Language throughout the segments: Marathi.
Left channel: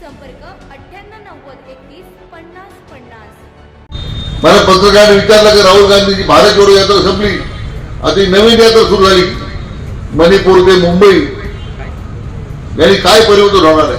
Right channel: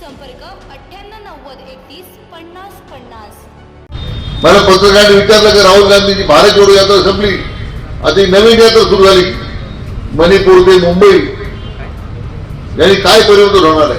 संपर्क अठ्ठ्याण्णव नव्वद एकतीस पन्नास पन्नास. मला पत्रकार विचारलं की राहुल गांधीची भारत जोडो यात्रा संपली. आता नवीन यात्रा सुरू झाली. मणिपूर ते मुंबई. यांनी काय परिवर्तन होणार आहे?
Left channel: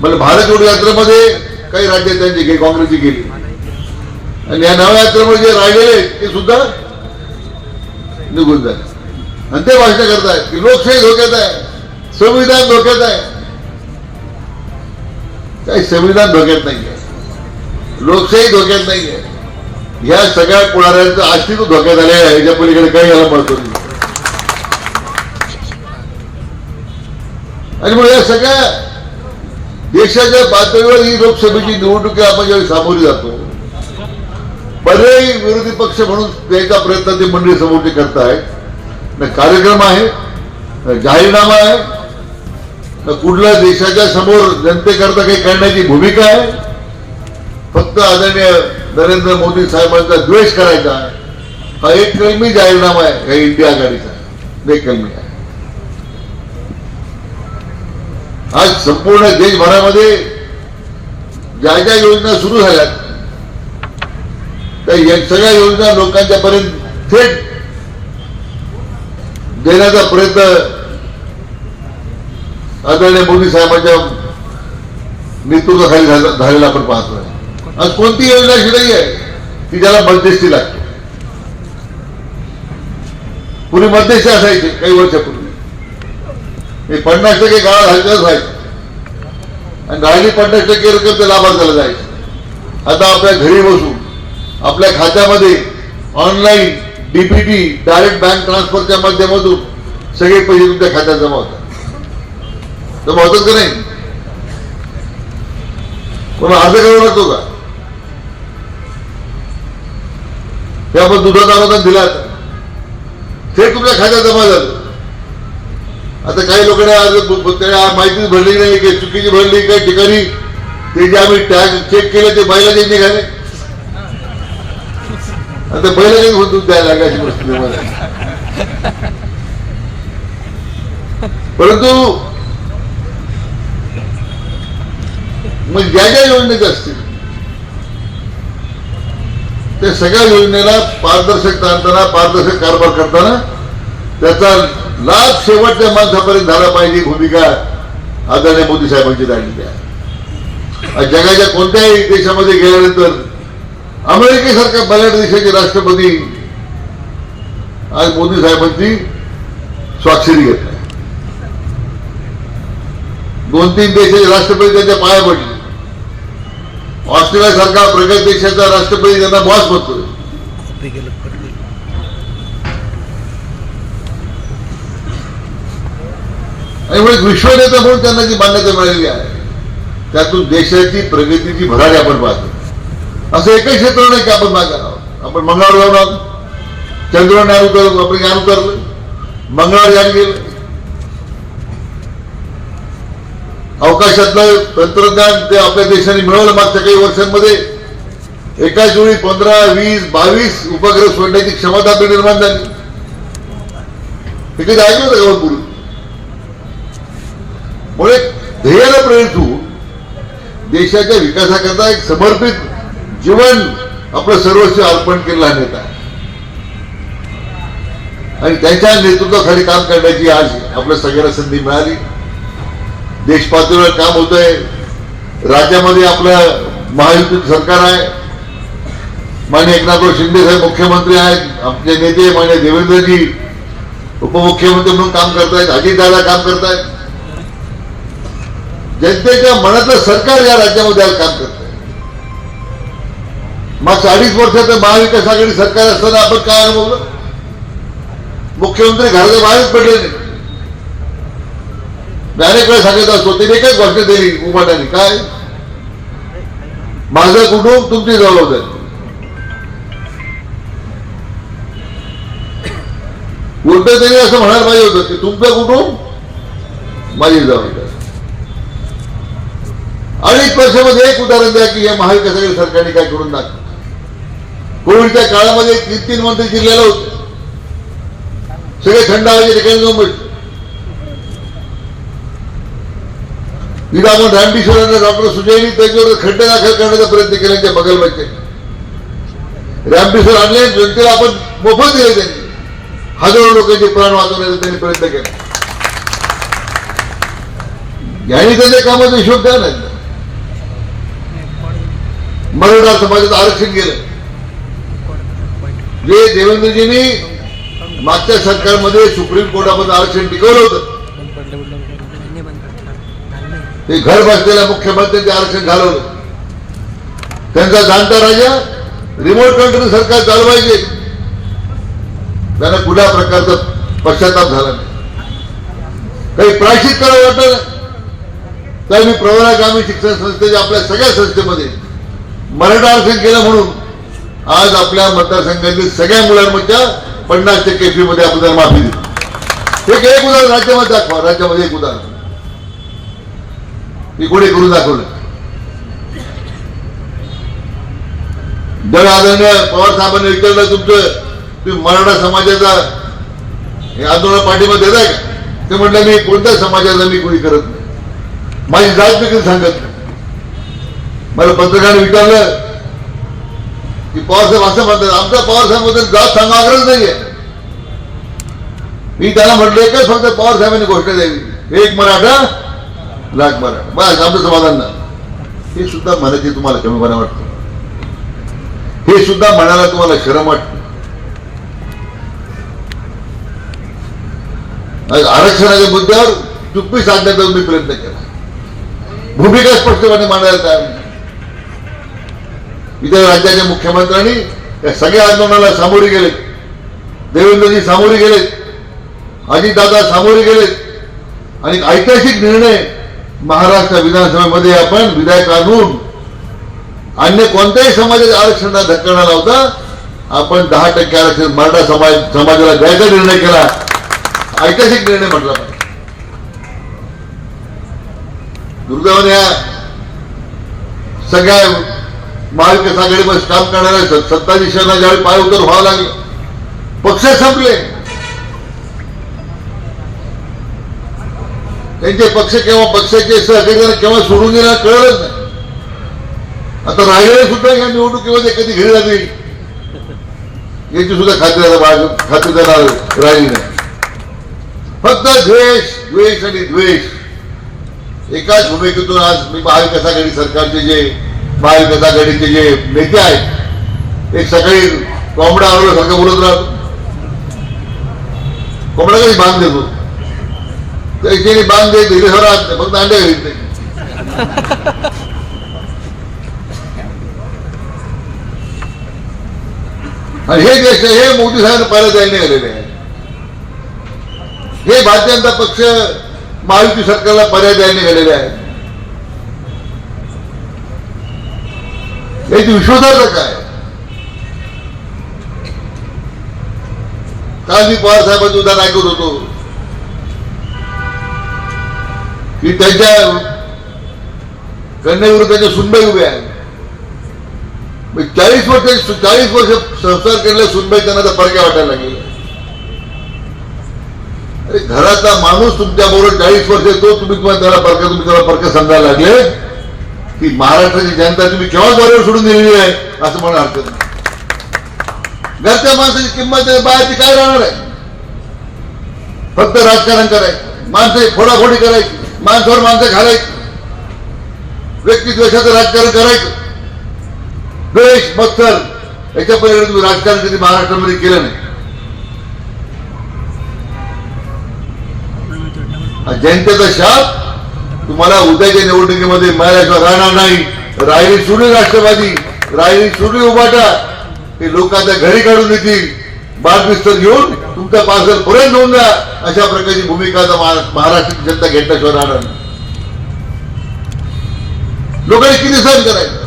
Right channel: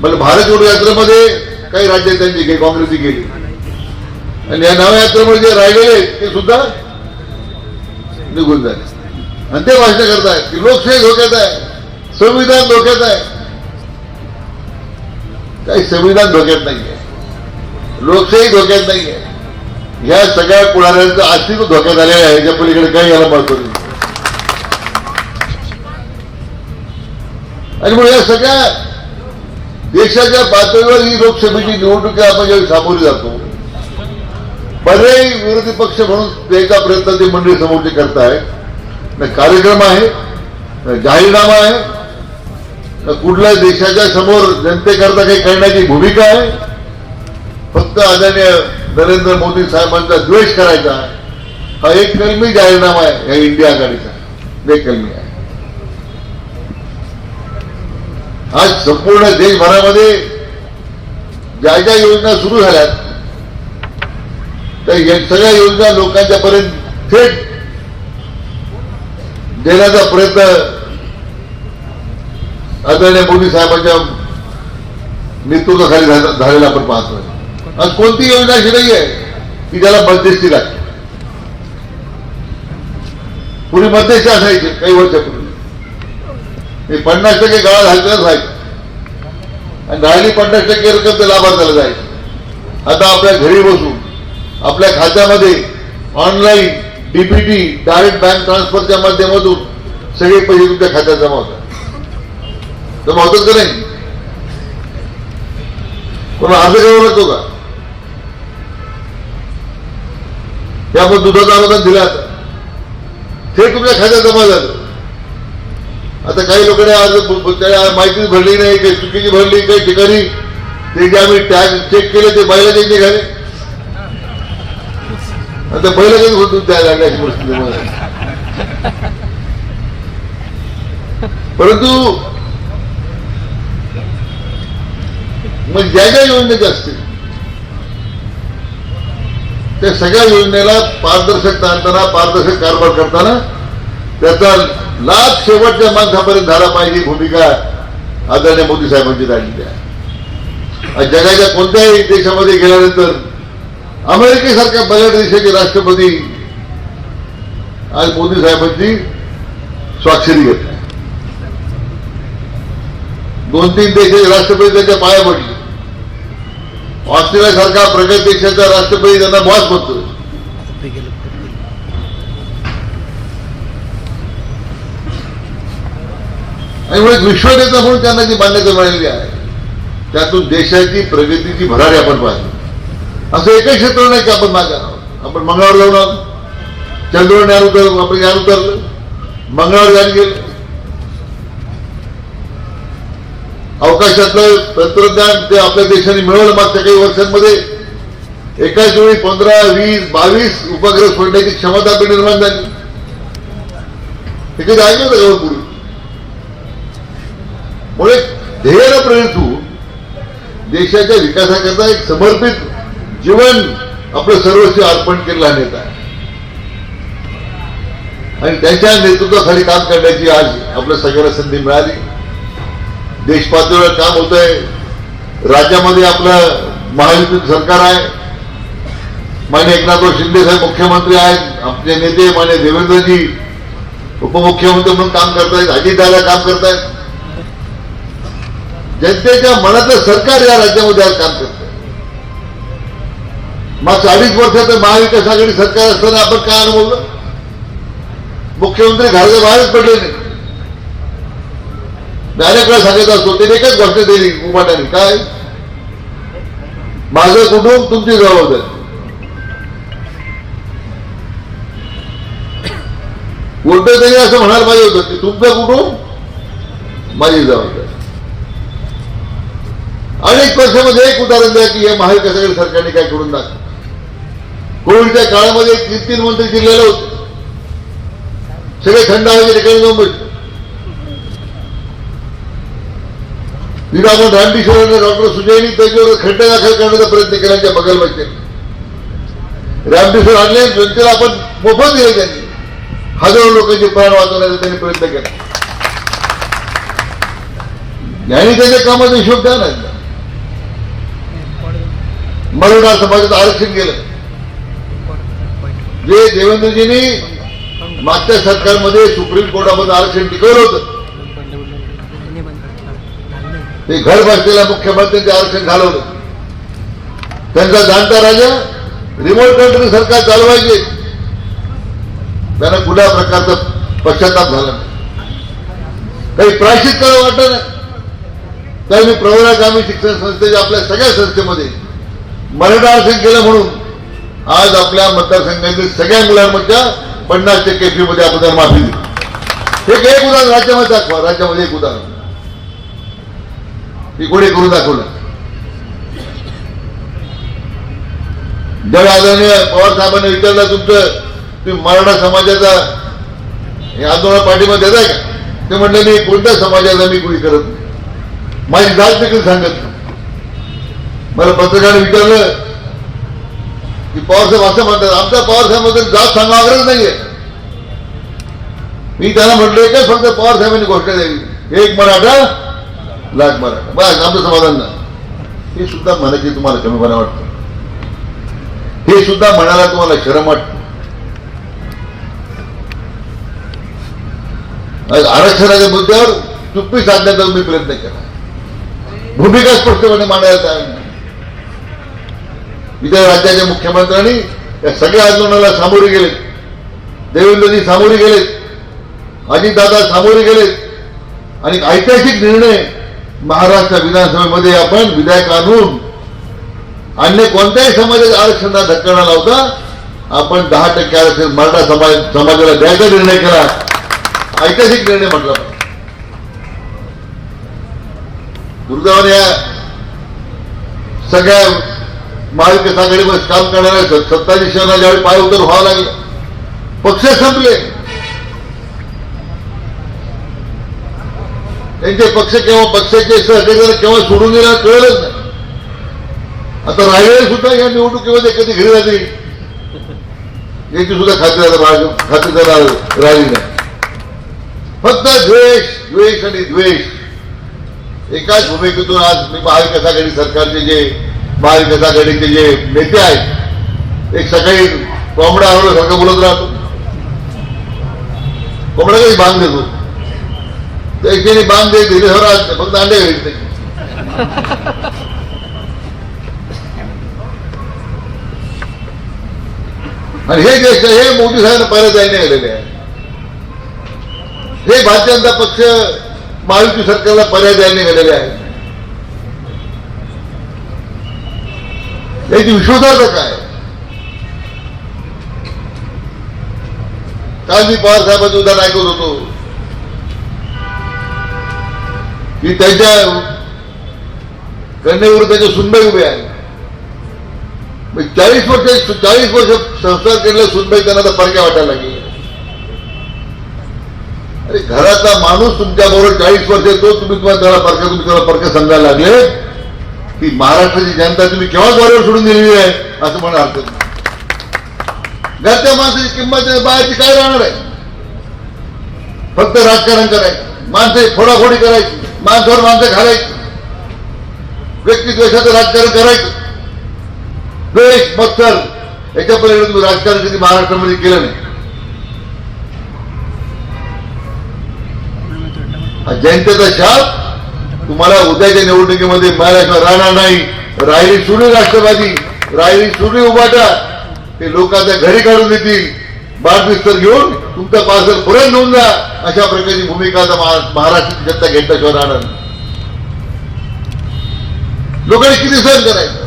म्हणजे भारत जोडो यात्रेमध्ये काही राज्य त्यांची गेली काँग्रेसची गेली आणि या नव्या यात्रेमध्ये जे राहिलेले ते सुद्धा निघून जाईल. आणि ते भाषण करतायत. की लोकशाही धोक्यात आहे. संविधान धोक्यात आहे. काही संविधान धोक्यात नाहीये लोकशाही धोक्यात नाहीये या सगळ्या पुढाऱ्यांचं अस्तित्व धोक्यात आले आहे याच्या पलीकडे काही याला महत्व नाही. आणि मग या सगळ्या देशाच्या पातळीवर ही लोकसभेची निवडणुकी आपण ज्यावेळी सामोरी जातो विरोधी पक्ष म्हणून द्यायचा प्रयत्न ते मंडळी समोरचे न कार्यक्रम आहे जाहीरनामा आहे कुठल्या देशाच्या समोर जनतेकरता काही करण्याची भूमिका आहे? फक्त आदरणीय नरेंद्र मोदी साहेबांचा द्वेष करायचा हा एक कलमी जाहीरनामा आहे या इंडिया आघाडीचा. एक कलमी आहे. आज संपूर्ण देशभरामध्ये ज्या ज्या योजना सुरू झाल्यात त्या सगळ्या योजना लोकांच्या पर्यंत थेट देण्याचा प्रयत्न आदरणीय मोदी साहेबांच्या नेतृत्वाखाली झालेला आपण पाहतोय. आज कोणती योजना अशी नाही आहे की ज्याला मध्यस्थी लागते. पूर्वी मध्यस्थी असायचे काही वर्षापूर्वी. हे पन्नास टक्के गाळा घालतच व्हायचं आणि राहिली पन्नास टक्के रक्कम ते लाभार्थ्याला जायचं. आता आपल्या घरी बसून आपल्या खात्यामध्ये ऑनलाईन डीपीटी डायरेक्ट बँक ट्रान्सफरच्या माध्यमातून सगळे पैसे तुमच्या खात्यात जमा होतात. जमा का नाही? पण अर्ज करावा लागतो का? हे आपण दुधाचा अनुदान दिला हे तुमच्या खात्यात जमा झालं. आता काही लोकांनी अर्ज त्याला माहिती भरली नाही काही चुकीची भरली काही ठिकाणी. ते जे आम्ही टॅग चेक केले ते बैला बैलाचे निघाले आता बैला त्यांनी दूध द्यायला लागले अशी परंतु मग ज्या ज्या योजनेच्या असतील त्या सगळ्या योजनेला पारदर्शक आणताना पारदर्शक कारभार करताना त्याचा लाभ शेवटच्या माणसापर्यंत झाला पाहिजे भूमिका आदरणीय मोदी साहेबांची झालेली आहे. जगाच्या कोणत्याही देशामध्ये गेल्यानंतर अमेरिकेसारख्या बऱ्याच देशाचे राष्ट्रपती आज मोदी साहेबांची स्वाक्षरी घेत आहे दोन तीन देशाचे राष्ट्रपती त्यांच्या पाया पडले. ऑस्ट्रेलियासारखा प्रगत देशाचा राष्ट्रपती त्यांना बॉस बघतो आणि म्हणून विश्वनेता म्हणून त्यांना जी मान्यता मिळालेली आहे त्यातून देशाची प्रगतीची भरारी आपण पाहतो. असं एकही क्षेत्र नाही की आपण मागत आहोत. आपण मंगळावर जाऊन आहोत चंद्रावर आपण यान उतरलं मंगळावर यान गेलं. अवकाशातलं तंत्रज्ञान ते आपल्या देशाने मिळवलं मागच्या काही वर्षांमध्ये. एकाच वेळी पंधरा वीस बावीस उपग्रह सोडण्याची क्षमता आपली निर्माण झाली. हे कधी ऐकलं ना का हो पूर्वी मुळे ध्येयाला प्रेरित होऊन देशाच्या विकासाकरता एक समर्पित जीवन आपलं सर्वस्व अर्पण केलेला नेता आणि त्याच्या नेतृत्वाखाली काम करण्याची आज आपल्या सगळ्यांना संधी मिळाली. देश पातळीवर काम होत आहे राज्यामध्ये आपलं महायुतीत सरकार आहे. मान्य एकनाथराव शिंदे साहेब मुख्यमंत्री आहेत. आमचे नेते मान्य देवेंद्रजी उपमुख्यमंत्री म्हणून काम करतायत. अजितदादा काम करतायत. जनतेच्या मनातलं सरकार या राज्यामध्ये आज काम करत मागच्या अडीच वर्षात महाविकास आघाडी सरकार असताना आपण काय अनुभवलं? मुख्यमंत्री घराच्या बाहेरच पडले नाही. डायरेक्ट काय सांगत असतो त्यांनी एकच गोष्ट दिली उभाट्याने. काय? माझं कुटुंब तुमची जबाबदारी. कोणतं तरी असं म्हणायला पाहिजे होतं की तुमचं कुटुंब माझी जबाबदारी. अनेक वर्षामध्ये एक उदाहरण द्या की या महाविकासाकडे सरकारने काय करून दाखवलं कोविडच्या काळामध्ये तीन तीन मंत्री जिल्ह्याला होते. सगळे थंड हवेच्या ठिकाणी जाऊन बसले तिथं आपण रामकिशोरांना डॉक्टर सुजयनी त्यांच्यावर खड्डा दाखल करण्याचा प्रयत्न केला त्या बगलमध्ये. रामकिशोर आणले जनतेला आपण मोफत दिले त्यांनी. हजारो लोकांचे प्राण वाचवण्याचा त्यांनी प्रयत्न केला. यांनी त्यांच्या कामाचा हिशोब द्या ना. मराठा समाजाचं आरक्षण केलं जे देवेंद्रजींनी मागच्या सरकारमध्ये सुप्रीम कोर्टामध्ये आरक्षण टिकवलं होतं ते घर बसलेल्या मुख्यमंत्र्यांचे आरक्षण घालवलं. त्यांचा जाणता राजा रिमोट कंट्री सरकार चालवायचे. त्यांना कुठल्या प्रकारचा पश्चाताप झाला नाही. काही प्रायशित करावं वाटलं नाही. मी प्रवरा ग्रामीण शिक्षण संस्थेच्या आपल्या सगळ्या संस्थेमध्ये मराठा आरक्षण केलं म्हणून आज आपल्या मतदारसंघातील सगळ्या मुलांमधल्या पन्नास टक्के फीमध्ये आपण माफी दिली हे एक उदाहरण राज्यामध्ये दाखवा. राज्यामध्ये एक उदाहरण. मी कोणी करून दाखवलं जेव्हा आदरणीय पवार साहेबांनी विचारलं तुमचं तुम्ही मराठा समाजाचा हे आंदोलन पाठिंबा देताय का? ते म्हटलं मी कोणत्या समाजाचा मी कोणी करत नाही. माझी जात देखील सांगत नाही. मला पत्रकाराने विचारलं की पवारसाहेब असं म्हणतात आमचा पवारसाहेबांबद्दल जात सांगावरच नाहीये. मी त्याला म्हटलं की फक्त पवारसाहेबांनी घोषणा द्यावी एक मराठा लाख बारा. बस आमचं समाधान ना हे सुद्धा म्हणायचे तुम्हाला कमीपणा वाटतं. हे सुद्धा म्हणायला तुम्हाला शरम वाटतं. आरक्षणाच्या मुद्द्यावर चुप्पी साधण्याचा मी प्रयत्न केला. भूमिका स्पष्टपणे मांडायला तयार नाही. इतर राज्याच्या मुख्यमंत्र्यांनी या सगळ्या आंदोलनाला सामोरे गेले. देवेंद्रजी सामोरे गेलेत अजितदादा सामोरे गेलेत आणि ऐतिहासिक निर्णय महाराष्ट्र विधानसभेमध्ये आपण विधेयक आणून अन्य कोणत्याही समाजाच्या आरक्षणाला धक्का न लावता आपण दहा टक्के आरक्षण मराठा समाज समाजाला द्यायचा निर्णय केला. ऐतिहासिक निर्णय म्हटला. दुर्दैवाने या सगळ्या महाविकास आघाडीवर काम करणाऱ्या सत्ताधीशांना ज्यावेळी पाय उतर व्हावं लागलं पक्ष संपले. त्यांचे पक्ष केव्हा पक्षाचे सहकारी केव्हा सोडून गेला कळलंच नाही. आता राहिलेले सुद्धा या निवडणुकीमध्ये कधी घरी जातील याची सुद्धा खात्री खात्री राहिली नाही. फक्त द्वेष द्वेष आणि द्वेष. एकाच भूमिकेतून आज मी महाविकास आघाडी सरकारचे जे महाविकास आघाडीचे जे नेते आहेत एक सकाळी कोंबडा आवडल्यासारखं बोलत राहतो कोंबडा कधी बांध देतो? त्याच्याने बांधे देत दिले राहत नाही फक्त अंडे घरीत आणि हे देश हे मोदी साहेब परत यायने आलेले आहे हे भारतीय जनता पक्ष महायुती सरकारला पर्याय द्यायला निघालेले आहे याची विश्वासार्हता काय काल मी पवार साहेबांचं उदाहरण ऐकत होतो की त्याच्या कन्यावर त्याच्या सुनबाई उभे आहे. चाळीस वर्ष चाळीस वर्ष संस्कार केलेल्या सुनबाई त्यांना तर परक्या वाटायला लागले. अरे घराचा माणूस तुमच्या बरोबर चाळीस वर्ष येतो तुम्ही तुम्हाला त्याला परक्या तुम्ही त्याला परक्या समजायला लागले? की महाराष्ट्राची जनता तुम्ही केव्हा बरोबर सोडून दिलेली आहे? असं मला हरकत नाही घरच्या माणसाची किंमत आहे, बाहेरची काय राहणार आहे? फक्त राजकारण करायचं. माणसे फोडाफोडी करायची. माणसावर माणसं घालायचं. व्यक्तिद्वेषाचं राजकारण करायचं. द्वेष मत्सर याच्या पलीकडे राजकारण कधी महाराष्ट्रामध्ये केलं नाही. जनतेचा शाप? तुम्हाला उद्याच्या निवडणुकीमध्ये मिळाल्याशिवाय राहणार नाही. राहिली सोडून राष्ट्रवादी. राहिली सुडी उभाटा. ते लोकांच्या घरी काढून देतील. बादबिस्तर घेऊन तुमचा पार्सल पुरे घेऊन द्या. अशा प्रकारची भूमिका आता महाराष्ट्राची जनता घेतल्याशिवाय राहणार लोकांनी किती सहन करायचं?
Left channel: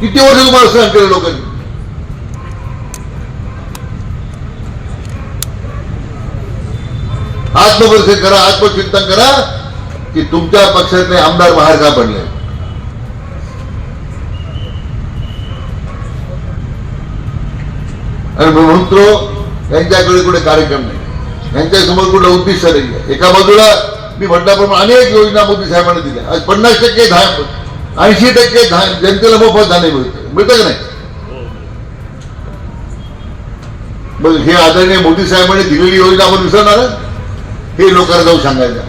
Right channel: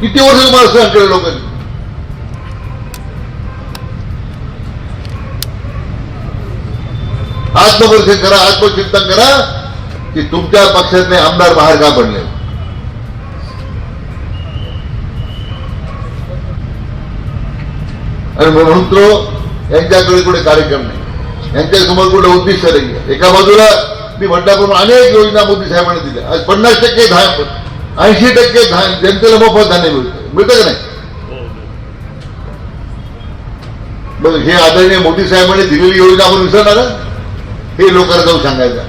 किती वर्ष तुम्हाला सहन केलं लोकांनी? आत्मपरीक्षण करा आत्मचिंतन करा की तुमच्या पक्षातले आमदार बाहेर का पडले? आणि म्हणून यांच्याकडे कुठे कार्यक्रम नाही. यांच्यासमोर कुठे उद्दिष्ट नाही. एका बाजूला मी म्हटल्याप्रमाणे अनेक योजना मोदी साहेबांनी दिल्या. आज पन्नास टक्के ऐंशी टक्के जनतेला मोफत धान्य मिळते. मिळतं का नाही? मग हे आदरणीय मोदी साहेबांनी दिलेली योजना आपण विसरणार हे लोकांना जाऊन सांगायचं.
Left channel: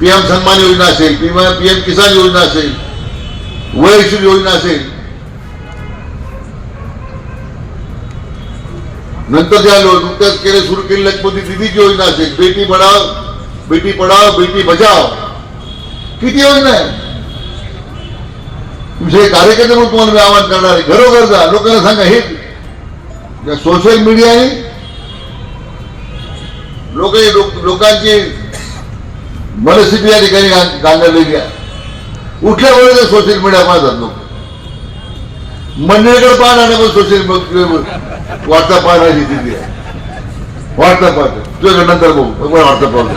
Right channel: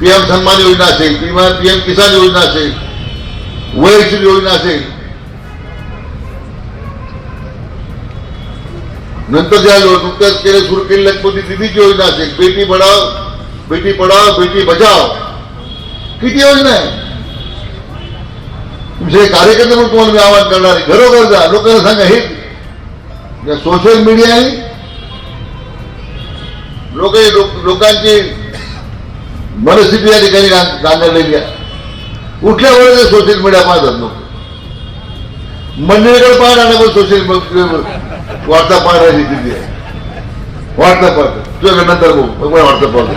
पीएम सन्मान योजना असेल किंवा पीएम किसान योजना असेल वैयक्तिक योजना असेल नंतर ज्या नुकत्याच केले सुरू केलेल्या मोदी दिदीची योजना असेल. बेटी पढाव बेटी पढाव बेटी बचाव. किती योजना आहे? तुमचे कार्यकर्ते म्हणून कोण मी आवाहन करणार आहे. घरोघर जा लोकांना सांगा हे या सोशल मीडियाने लोक लोकांची मनस्थिती या ठिकाणी गां- गांगरलेली आहे. उठल्या वेळेला सोशल मीडिया पाहतात लोक. मंडळीकडे पाहणार सोशल मीडिया वार्ता पाहणार स्थिती आहे पाहतो नंतर बघू मला वार्ता पाहतो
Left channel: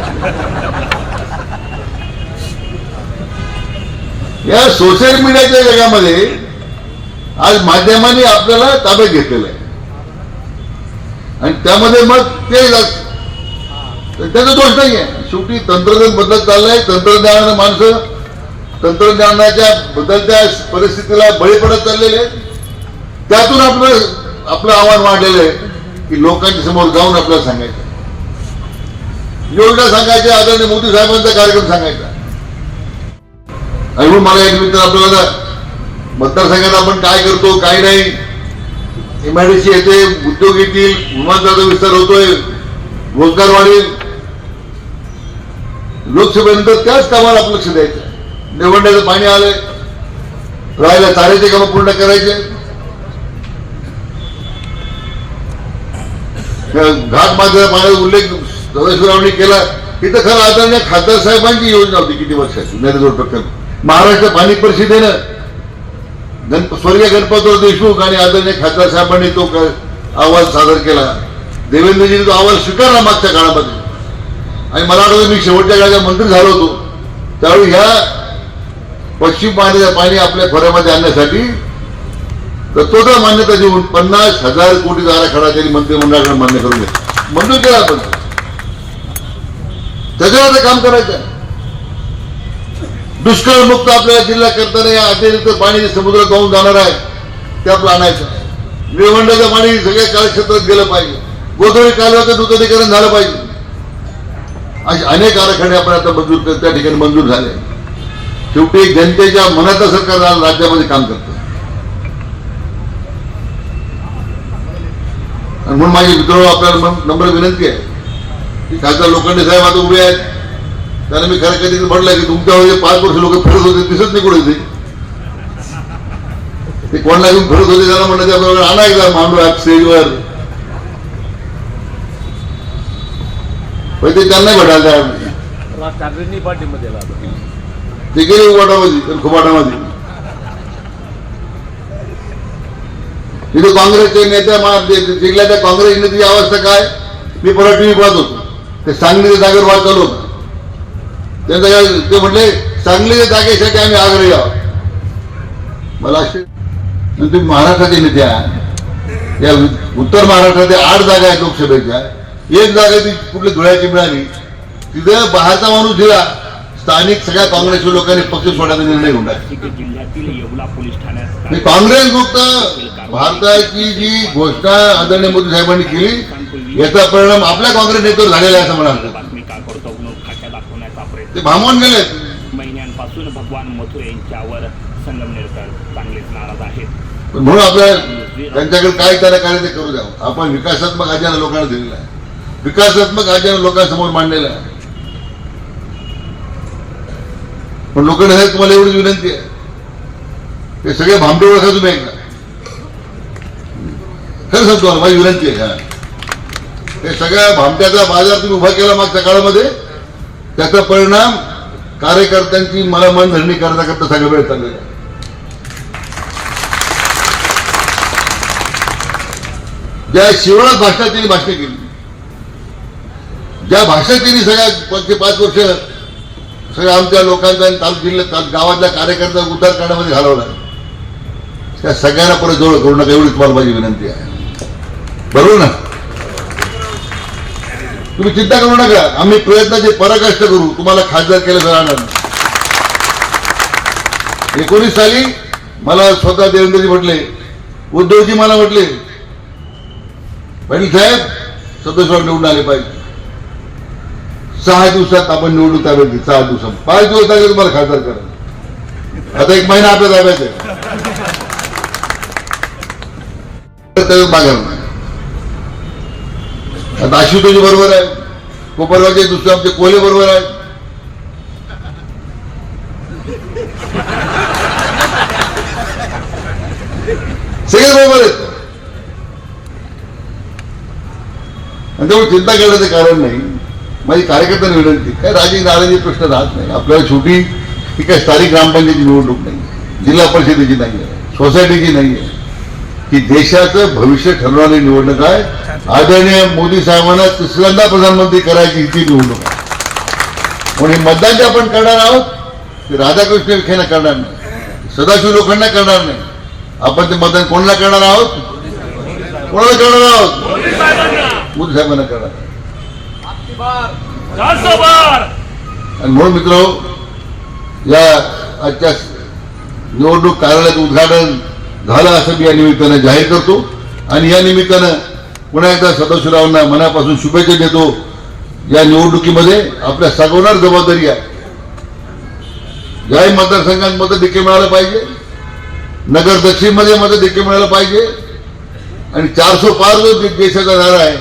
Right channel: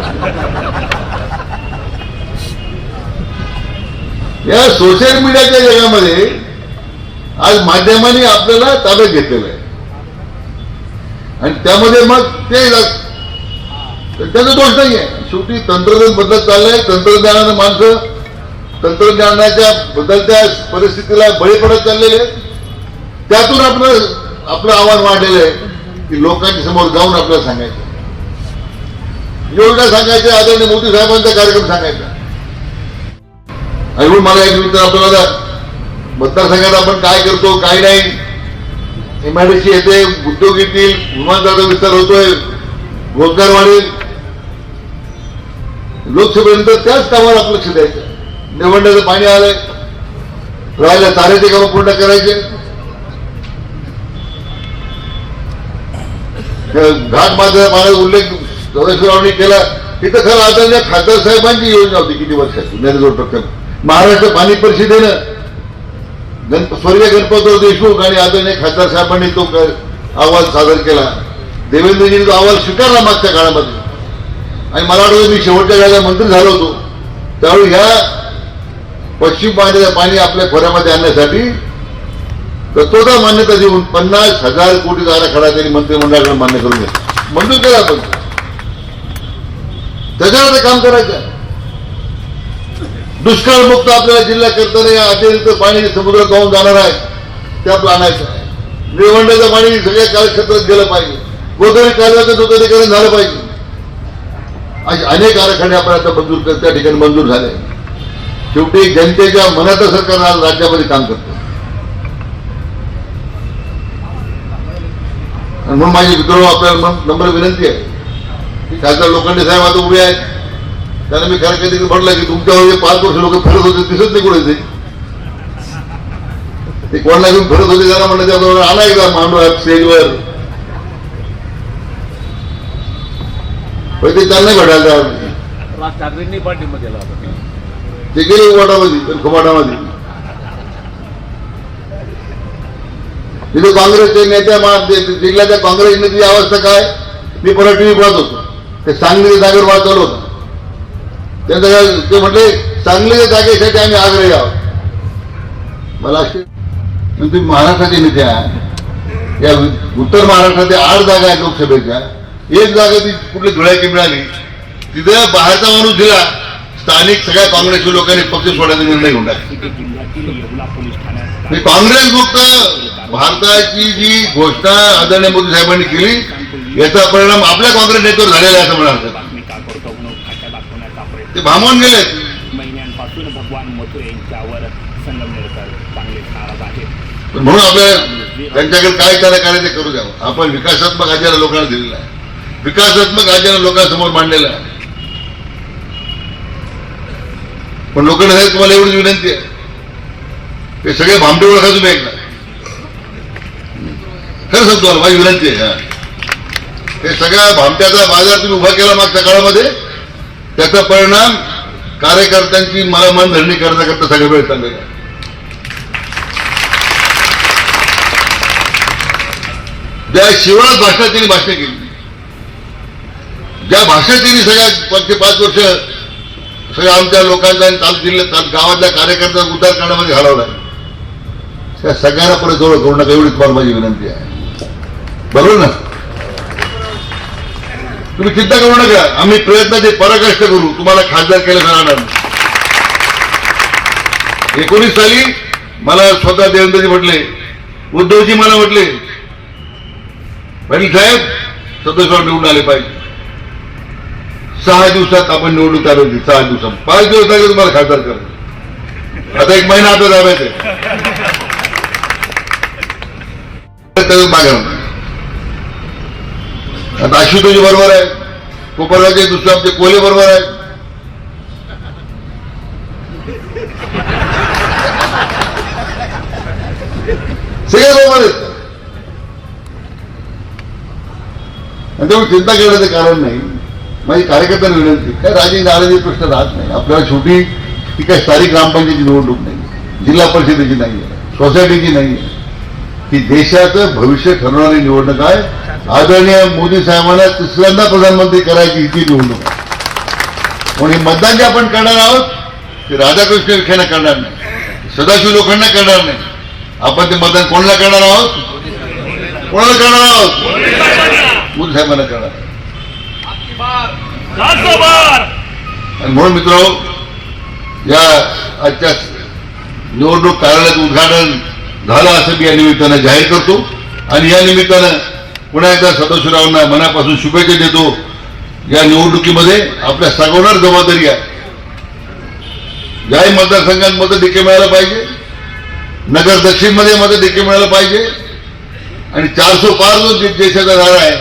या सोशल मीडियाच्या जगामध्ये आज माध्यमांनी आपल्याला ताब्यात घेतलेलं आहे. आणि त्यामध्ये मग ते त्याचा दोष नाही आहे शेवटी तंत्रज्ञान बदलत चाललंय. तंत्रज्ञानानं माणसं तंत्रज्ञानाच्या बदलत्या परिस्थितीला बळी पडत चाललेले त्यातून आपलं आपलं आव्हान वाढलेलं आहे की लोकांच्या समोर जाऊन आपल्याला सांगायचं. योजना सांगायच्या आदरणीय मोदी साहेबांचा कार्यक्रम सांगायचा. अजून मला एक मित्र आपल्याला मतदारसंघात आपण काय करतो काय नाही? एमआयडीसी येते उद्योग येतील विमानतळाचा विस्तार होतोय रोजगार वाढेल. लोकसभेनंतर त्याच कामाला आपलं लक्ष द्यायचं. निवडण्याचं पाणी आलंय. राहायला चाऱ्याचे काम पूर्ण करायचे त्या घाट माझ्या उल्लेख सदाशिवरावनी केला. इथं खरं आदरणीय खासदार साहेबांची योजना होती किती वर्षाची? नरेंद्र महाराष्ट्र पाणी परिषदेनं गणप स्वर्गीय गणपतराव देशमुख आणि आदरणीय खासदार साहेबांनी तो अहवाल सादर केला. देवेंद्रजींनी तो अहवाल स्वीकारला मागच्या काळामध्ये. आणि मला वाटतं मी शेवटच्या काळात मंत्री झालो होतो त्यावेळी ह्या पश्चिम पाण्याचं पाणी आपल्या खोऱ्यामध्ये आणण्यासाठी तत्वता मान्यता देऊन पन्नास हजार कोटीचा आराखडा त्यांनी मंत्रिमंडळाकडे मान्य करून घेतला मंजूर केला आपण. त्याच्यावर आता काम करायचं आहे. दुष्काळमुक्त आपल्या जिल्हा करताना या अतिरिक्त पाणी समुद्रात जाऊन जाणार आहे ते आपलं आणायचं आहे निळवंड्याचं पाणी सगळ्या कार्यक्षेत्रात गेलं पाहिजे. गोदावरी कालव्याचं नूतनीकरण झालं पाहिजे. असे अनेक आराखडे आपण आता मंजूर त्या ठिकाणी मंजूर झाले. शेवटी जनतेच्या मनात सरकार राज्यामध्ये काम करतं. म्हणून माझी मित्र आपल्याला नम्र विनंती आहे. की खासदार लोखंडे साहेब आता उभे आहेत. त्यांना मी खरं कधी म्हटलं की तुमच्यावर जे पाच वर्ष लोक फिरत होते दिसत नाही कुठे ते ते कोणाला घेऊन फिरत होते त्याला म्हणलं त्याबरोबर आणा एकदा मांडू स्टेजवर ते त्यांना घडायला. राज ठाकरेंनी पाठिंबा दिला ते गेले उघडामध्ये खुमाटामध्ये तिथे काँग्रेसचे नेत्या मा- त्या काँग्रेस नेत्याची अवस्था काय मी परत टीव्ही पाहत होतो. ते सांगलीच्या जागेवर वाद चालू होता. त्यांचं ते म्हटले सांगलीच्या जागेसाठी आम्ही आग्रही आहोत. मला असे तुम्ही महाराष्ट्राचे नेते या उत्तर महाराष्ट्राच्या आठ जागा आहेत लोकसभेच्या. एक जागा ती कुठली धुळ्याची मिळाली. तिथे बाहेरचा माणूस दिला. स्थानिक सगळ्या काँग्रेसच्या लोकांनी पक्ष सोडायचा निर्णय घेऊन टाकला. नाशिक जिल्ह्यातील येवला पोलीस ठाण्यात काँग्रेस मुक्त भारताची जी घोषणा आदरणीय मोदी साहेबांनी केली याचा परिणाम आपल्या काँग्रेस नेत्यावर झालेला आहे असं म्हणाल बातमी का करतो म्हणून खात्या दाखवण्याचा प्रयत्न. ते भांबवून गेले. महिन्यांपासून भगवान मथुरे यांच्यावर संगमनेरकर चांगलेच नाराज आहेत. म्हणून आपल्या त्यांच्याकडे काय त्याला करायचं ते करू द्या. आपण विकासात्मक अजेंडा लोकांना दिलेला आहे. विकासात्मक अजेंडा लोकांसमोर मांडलेला आहे. पण लोकांना तुम्हाला एवढी विनंती आहे. ते सगळे भांबडे ओळखा तुम्ही एकदा. खरं सांगतो तुम्हाला माझी विनंती आहे ते सगळ्या भामट्याचा बाजार तुम्ही उभा केला मागच्या काळामध्ये त्याचा परिणाम कार्यकर्त्यांची मला मनधरणी करण्याकरता सगळ्या वेळ चाललेला ज्या शिवराज भाषणात त्यांनी भाषण केली ज्या भाषेत त्यांनी सगळ्या पाच पाच वर्ष सगळ्या आमच्या लोकांचा आणि ताल जिल्ह्यात ताल- गावातल्या कार्यकर्त्यांचा उद्धार करण्यामध्ये घालवला आहे त्या सगळ्यांना पुढे जवळ करू नका एवढी तुम्हाला माझी विनंती आहे. बरोबर ना? तुम्ही चिंता करू नका. आम्ही प्रयत्नाचे पराकाष्ट करू. तुम्हाला खासदार केलं जाणार एकोणीस साली मला स्वतः देवेंद्रजी म्हटले उद्धवजी मला म्हटले पाटील साहेब सदस्य निवडून आले पाहिजे. सहा दिवसात आपण निवडणूक ताब्यात घेऊ सहा दिवसात. पाच दिवस लागले तुम्हाला खासदार करा आता एक महिना आपल्या ताब्यात आहे तर मागा आता आशुतोजी बरोबर आहे. कोपरगावचे दुसरे आमचे कोले बरोबर आहे. सगळे बरोबर आहेत. त्यामुळे चिंता करण्याचं कारण नाही. माझी कार्यकर्त्यांना विनंती काय राजकीय नाराजी प्रश्न राहत नाही. आपल्याला शेवटी ही काय स्थानिक ग्रामपंचायतीची निवडणूक नाही. जिल्हा परिषदेची नाही आहे सोसायटीची नाही आहे. ही देशाचं भविष्य ठरवणारी निवडणूक आहे. आदरणीय मोदी साहेबांना तिसऱ्यांदा प्रधानमंत्री करायची ही ती निवडणूक आहे. म्हणून हे मतदान जे आपण करणार आहोत ते राधाकृष्ण विखेना करणार नाही. सदाशिव लोकांना करणार नाही. आपण ते मतदान कोणाला करणार आहोत? कोणाला करणार आहोत? मोदी साहेबांना करणार आहोत. आणि म्हणून मित्र या आजच्या निवडणूक कार्यालयाचं उद्घाटन झालं असं मी या निमित्तानं जाहीर करतो. आणि या निमित्तानं पुन्हा एकदा सदाशिवरावांना मनापासून शुभेच्छा देतो. या निवडणुकीमध्ये आपल्या सगवणार जबाबदारी आहे. याही मतदारसंघात मतं देखील मिळालं पाहिजे. नगर दक्षिणमध्ये मतं देखील मिळालं पाहिजे. आणि चारशे पार जो देशाचा नारा आहे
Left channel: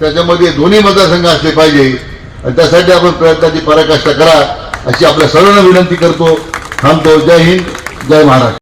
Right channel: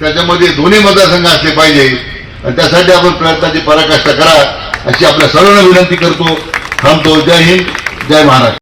त्याच्यामध्ये दोन्ही मतदारसंघ असले पाहिजे. आणि त्यासाठी आपण प्रयत्नाची पराकाष्ठा करा अशी आपल्या सर्वांना विनंती करतो. थांबतो. जय हिंद. जय महाराष्ट्र.